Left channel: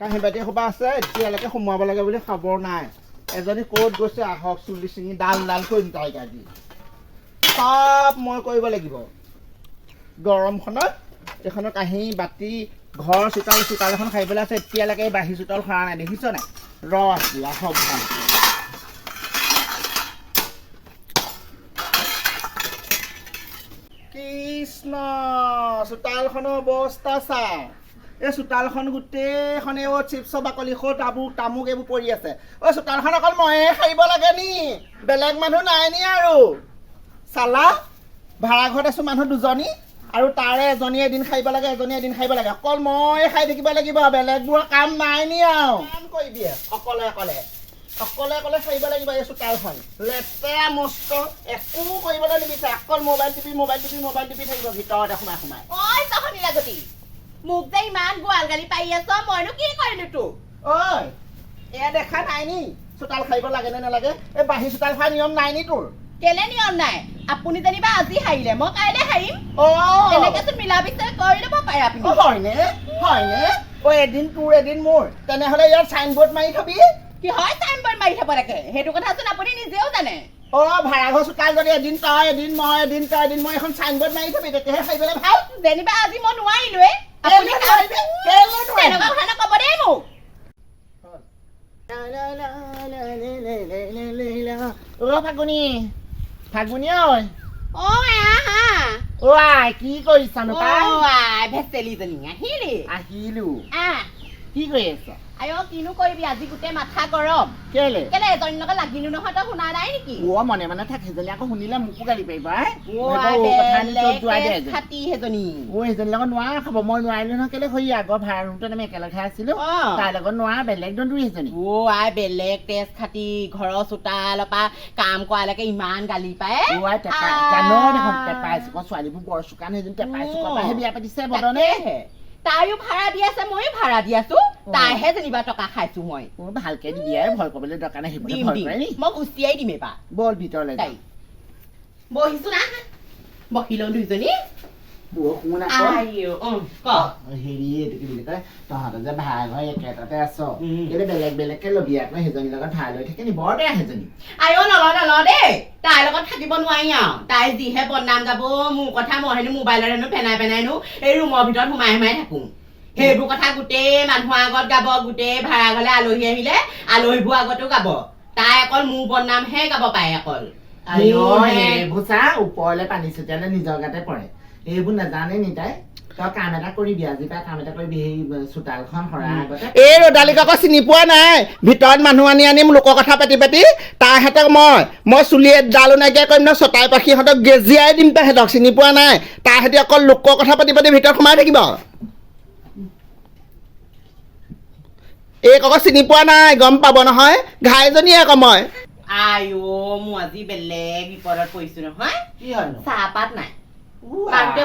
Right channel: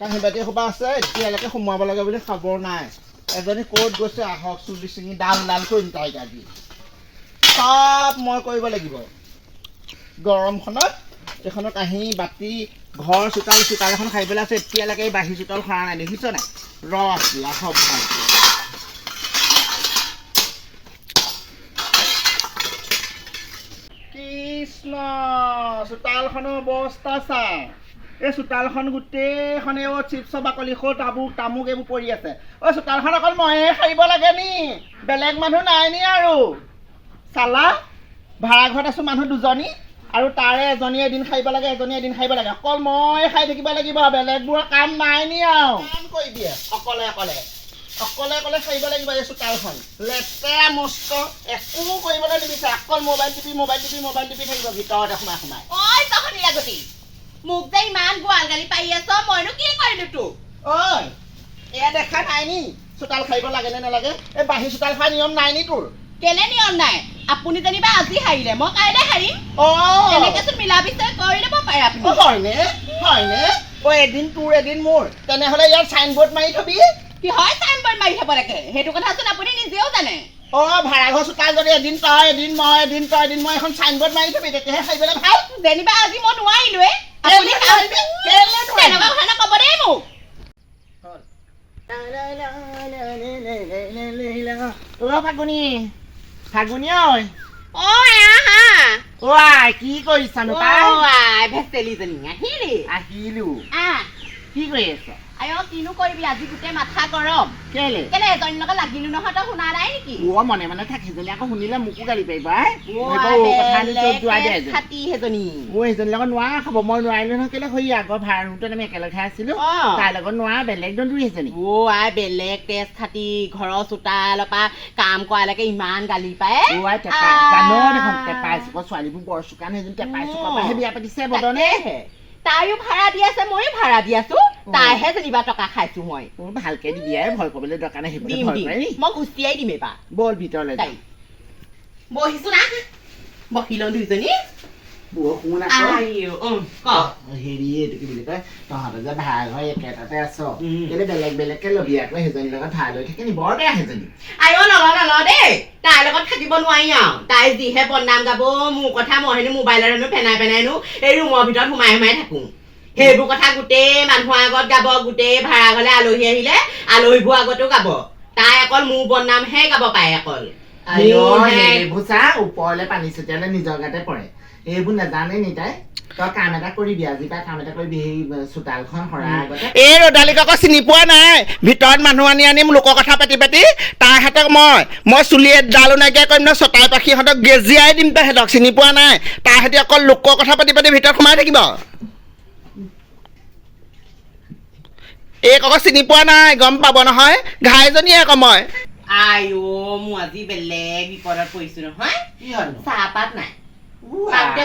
কাঁহী বাতি সোপা আছে এতিয়ালৈকে সোমোৱাব লাগে বুলি খবৰ নাই এজনী ক'ত গৈছে আহক চুলি চিঙি ডাল ডাল কৰিম তাইক আজি চব মই কৰিব লাগিব গৰমখনত এইখনৰ কাঁহী বাতি ঘৰ চোতাল এখন খাই পেলাই আছে এতিয়ালৈকে বাঢ়ি চোতাল খোৱা নাই দেখিছ নাই ৰস দিয়া সব ভাল কৃষ্ণ চোতালখনৰ অৱস্থা চা এই চোতালখন গোটেইখনে চিপছৰ বাকলি তামুক এইবোৰ পৰি আছে চোতালখন অকল ময়ে সাৰিব লাগে নি বেলেগ মানুহ নাই নি আৰু চালা ভাড়া ঘৰত আছো মানুহ দুজনী আৰু তাৰে এজনী এদিন খাইব লাগে অকল মই খাই থাকিব লাগিব বেলেগবোৰৰ কাম নাই নি আৰু কাম কৰি দিয়ে অকলে খাইব লাগিব এই চোতালখন লেতেৰা মস্ত একো কৰিবলৈ নিবিচাৰে অকল মোবাইল টিপি থাকিব ভিতৰতে সোমাই ঐ তখনি লাগতি মোক যে ইমান গোৱাল গালি পাই আছ মইনো কি কৰিলো তোক ঐ এয়া দেখা নাই নি চোতাল খাইব লাগে নে নালাগে এই বাঢ়ি চোতাল খোৱা নিয়ম নাই নি তোৰ কেলে নিয়ম নাই আপুনি যেনিবা আজি হাৰিলে মই কাইলৈ হাৰিম এনেকেচোন মিলা বিচাৰ কৰি ল'ব পাৰে আপুনি হয়নে এদিন তোৰ এদিন মোৰ তেনেহ'লে ইয়াত চাইনবোৰ্ড মাৰি থবি কি হয় চাইনবোৰ্ড মাৰি থব লাগে সেইটো কথাচোন আপুনি নিজেও জানে ভাড়াঘৰ চোতাল যদি এদিন তই এদিন মই এখন চাইনবোৰ্ড মাৰি থবি তেতিয়াহে খাইবলৈ ভাল যেনিবা আজি মই নোৱাৰিলোৱে আপুনি তেনেকুৱা কথা নক'ব দেই মোক ফাগুনী ঐ কি কৰিছানো ভেচেলিজনী আহিলো কি কৰি আছ কিনো কৰিবি আজি গোটেই মাথা গৰম কেলে এজনীৰ লগত লাগিলো নহয় তই শুনা নাই নেকি মনে থাক সেইজনী আকৌ শুনিলে মোকো গালি পাৰিবা সেইজনীৰ লগত নোৱাৰা খাব মই নোৱাৰিলো নহয় কেলে হৈ আগৰ ভাড়া ৰুমটো আমি একেলগে আছিলো তাইৰ লগত নোৱাৰা বেলেগ দন্দুৰি সেইজনী বেলেগ তেজ খাতি ঘৰৰ চোতালৰ পৰা কাম কৰালৈকে ইমান গালি পায় জানো দেখোন টেপাই চুকৰ ছোৱালীবোৰ বৰ চোকান সেইজনী টেপাই চুকৰ পৰাহে বিয়া পাতিছে বদনে তাইও ভাড়া দি আছে ময়ো ভাড়া দি আছো তাইহে যেনিবা টকা খাইছো মই ভালকে দিবি আৰু ভয় কৰিবলৈ দৰকাৰ নাই মই গুচিয়াই দিম এবাৰ বল ভিতৰলৈ যাই বহিছো না বহি লওঁ দুইজনী হেৰি এইটো কি বুলি কয় তহঁতৰ যে ভাড়া ঘৰ একেটাতে আছ কেলে বেলেগকে লবি আকৌ সেইজনীৰ লগত ভাড়া লৈ থাকে নি বৰ বেয়া সেইজনী নল দেই তাইৰ লগত থাকিব নোৱাৰি আৰু তাই যিহে বদনাম গাব মোৰ কথা মই হেনো মোবাইলত হেনো পেনাইনো এই ৰুমৰ ভিতৰত সোমাই থাকো সেইবোৰ কথা গোটেই মানুহৰ আগত গাব গোটেই ভাড়া ঘৰলে আলহী আহিলে আলহীবোৰ আগতো গাব তাই অকল মোৰ বদনামহে গাব পাৰে অকল এইবোৰ চা ওপৰলে পানী ছটিয়ালে নিজৰ গাতে পৰে এইবোৰ নাজানে নি তাই তই কাম এটা কৰিবি আজি পৰা কাম এটা কৰিবি সেই চোতালখন সৰা আগতে এই ৰদালিক আকৌ চিনি পোৱা নাই ভিতৰত মানুহ আনিম লোকৰ কথা পাতি তাৰ হাতক মই চুলি ডালো নাইকিয়া কৰিম ন চটাই পাখি সিহঁতক গেজিয়াই দিম তাহাঁতক চিনি পোৱা নাই তাৰ সৈতে অকল লোকৰ কথা পাতি ভিতৰত সোমাই থাকিব এইক আকৌ চিনি পোৱা নাই গম পাব নহয় ঘাইজনীয়ে আকৌ মই মোৰ আজি বেলেগ বিপদত পৰিছো নহয় চাহপাত নাই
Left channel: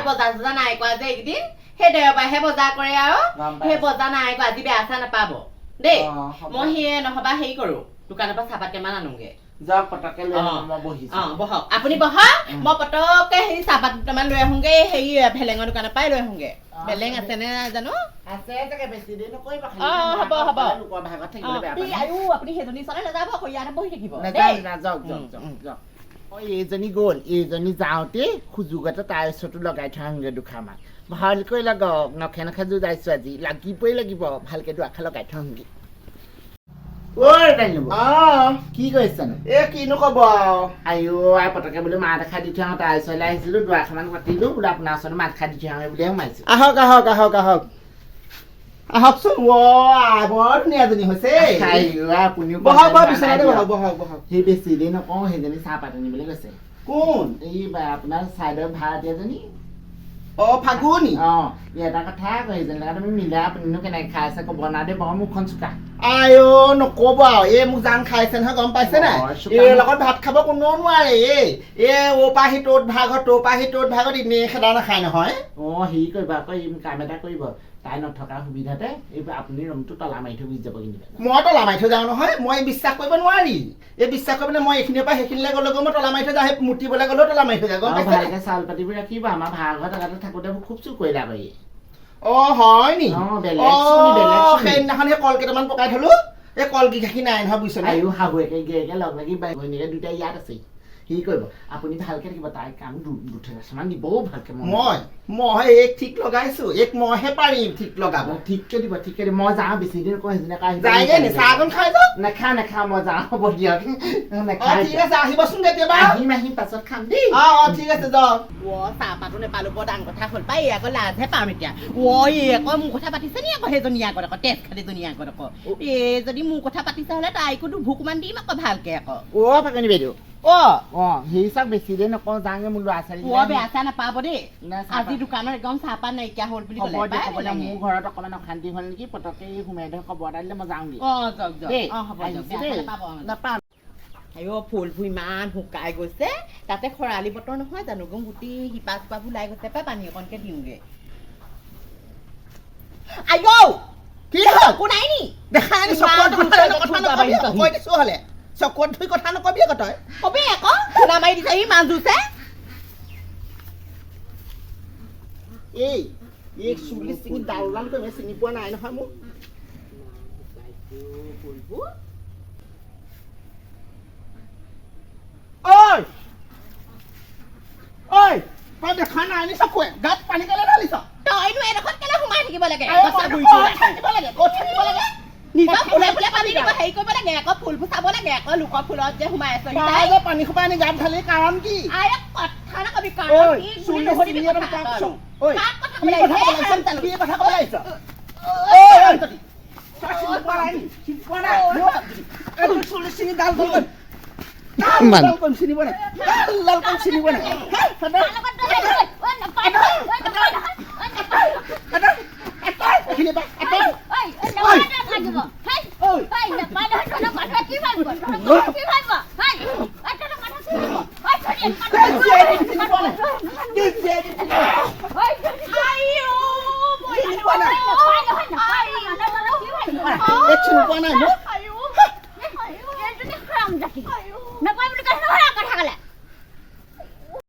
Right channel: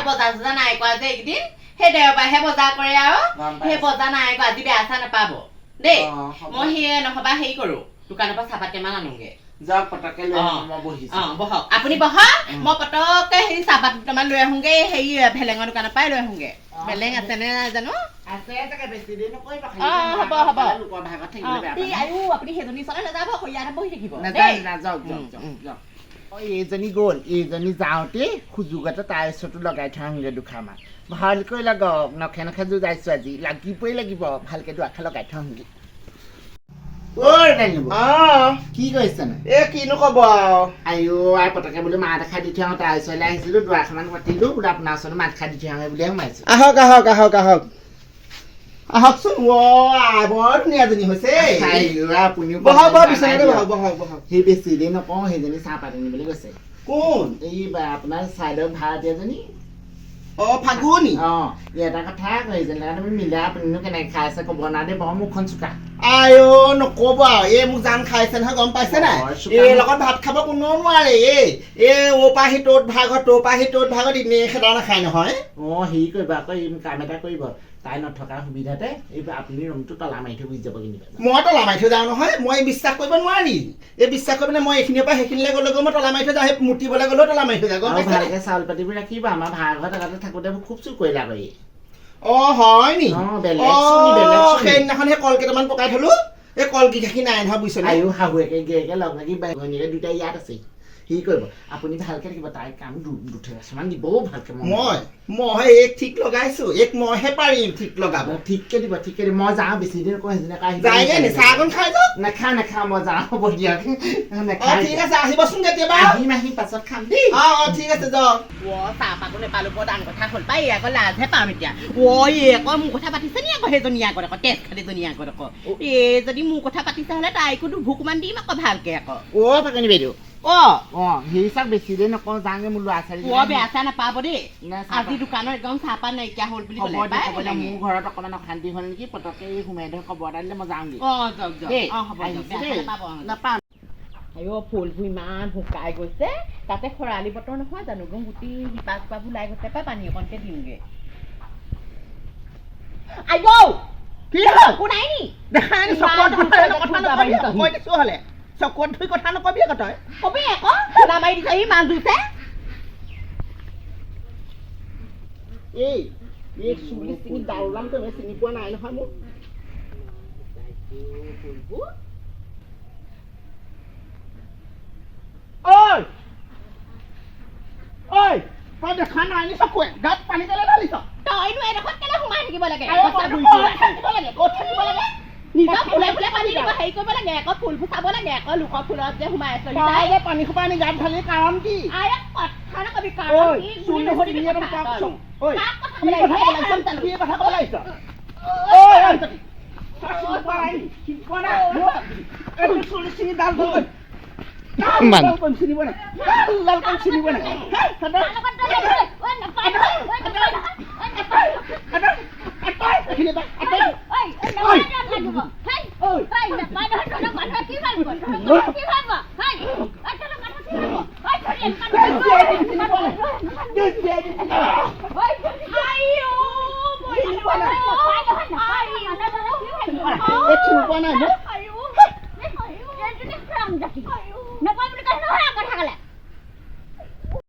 বজাৰ নাই কৰা যে এইকেইদিন সেই দেওবাৰহে বজাৰ কৰে আৰু সেই বজাৰ নাই কৰা আজি বেয়া চাহ নাপাব দেই মই সেয়ে নহবা হেৰি কৰো দোকানৰ পৰা চাহপাত কেইমান আনোগে বহক আপুনি বহক মই পটককে হেৰি চাহপাত দুটামান লৈ আহোগে হেৰি ভেলেঙৰ দোকানৰ পৰাই লৈ আহোগে বেলেগ আছে নে জানো আপুনি সেইজনী চলে নাযাব ইয়াতে বহি থাকিব এইজনী গ'ল এইজনী যাওঁতে সুযোগতে তাইৰ ওচৰতো লগাই থৈ আহোগে দুখাৰমান ভালকৈ লগাওক নখে যুঁজাইছো আজি লাগিব ভালকে দুআষা লগাই থৈ আহোগে কি কৰিছানো কিনো কব আইও পতকে বোলো মাত এষাৰ দি থৈ আহোঁ তাইৰ ওচৰলৈ আহিছিলো দুআষাৰমান পাতিলো বোলো আপোনাৰ ওচৰত মাত এষাৰ দি থৈ আহোঁ বুলিয়ে সোমাইছো আহকচোন বৰ ধুনীয়াজনী হৈছে সেই বেছি দেৰি নকওঁ সেইজনী চাহপাত আনিবলৈ গৈছে কোন এই আপোনাৰ চাইডৰ ভাড়াতীয়াজনী ফাগুনী এটা কথা সেইজনী লগত আমি মিলাই আপুনিনো কেনেকে খাই আছে ক'ব না দে বৰ মুখখন চোকা নকব আৰু এই মোক জান খাইছে নহয় গম পাইছে নাই এই লগত ভাত খাব কোনেও নোৱাৰে অ' পৰা আহি ত'ত ভাগত ত'ৰ পৰা আহি ত'ত ভাগত এনেই খেদা নাখায় নহয় হেৰি কৰিব আকৌ কাম এটা কৰিব তাই নথকাৰ সুবিধাতে এইবাৰ আপুনি ৰুমটো তলা মাৰি থৈ গুচি যাব কিন্তু মই তলা মাৰি থৈ যাওঁ নহয় মই বিশ্বাস কৰিব নোৱাৰি এই বিশ্বাস কৰি মই এইখিনিৰ পৰা সেইখিনিলৈ গ'লেগৈ মই তলা মাৰি থৈ যাওঁ সেই মুতিবলৈ গ'লেও তলা মাৰি থৈ যাওঁ গম আৰু পাইছা ভালকে চাউল পাতিবোৰ ৰাখিব আমাৰ ভাড়া ঘৰত আগতে থাকোঁতে মোক খুব চুৰ কৰিলা কৰি অ হয় নি বেলেগ চুনি সেইদিনাখন সেই কল কেইটামান পকাই থলো এই কল কেইটাখি নাই নহয় বুজিছে আয়ো শাহুৱেকে গিৰিয়েকে লগ লাগি ভনীয়েকে দুটাই ইয়াত আছে সি কৰিব আপুনি ভালকে থাকিব তাই কাম দুঠেৰামান দিবও ভালকে মই এক ঠিক লগাইছো এক মইহে পাৰিম ঠিক লগাব ঠিককে দিব মই যাওঁ বেছি দিন কৈ যায়গে নি চাহ অকণ খাই যাওক নেখাওঁ মই যাওঁ হ'ব দিয়ক ঠিক আছে আহিবচোন কেতিয়াবা আহিম পাছত খাম দেই ঠিক আছে যাওক চাহপাতো নেপালো বৰ ডাঙৰ কথা হ'ল পাই আকৌ লাজহে পাম এতিয়া আকৌ মোৰ কথা পাতিছে নি আকৌ সেইজনী আগত আকৌ তেজ খালিজনী আগত আকৌ যদি মোৰ কথা পাতিছে হ'লে তাইকো দুভুকমান দিম আকৌ ভালকে আকৌ পাকনি বাইদেউ সেই চাওক বেছি দেৰি নকওঁ যাওঁগে মোৰ ল'ৰা ছোৱালী বেয়া চেয়া নাপাব দেই আজি দোকানৰ একদম চাহপাত নাইকিয়া হ'ল বুলি মোৰ ঘৰত অকণমান অশান্তি হ'ল নেকি পটককে সোমাই ধৰ খবৰ এটা দিলে মই যাওঁগে নাপাম ফুলবোৰ ইমান শুকাই গৈছে তাতে খৰালি বতৰ নহয় জানো গোটেই শিপা চিপাবোৰ ওলাই গৈছে পাই পানী অকণকে দিওঁগে নাই নি দেখা হ'লে চকুত ধুই কথা নকবি আকৌ তই কবি আকৌ সুৰা মাৰি দিছে সি মান জুছে এই চুলি চিঙি ডাল কৰি চিনি পোৱা নাই নহয় মোক তই দেখা নাই নি চকুৱে গাত পানী কেলে ঢালিছ তইনো এডোখৰত কেলে সোমাই থাকিব লাগে নিজৰ ফুলে ফুলে পানী দিব হেৰি কৰিব লাগে আকৌ ফুলবোৰ চাব লাগে আকৌ লোকৰ ফুলত যে সোমাই আছে পানী সোপা আনি গাত ঢালি কাৰণ কি কথা নকবি কথা ক'ব লাগিছ চুলি চিঙি ডাল চিনিব নাই চিনিব নাই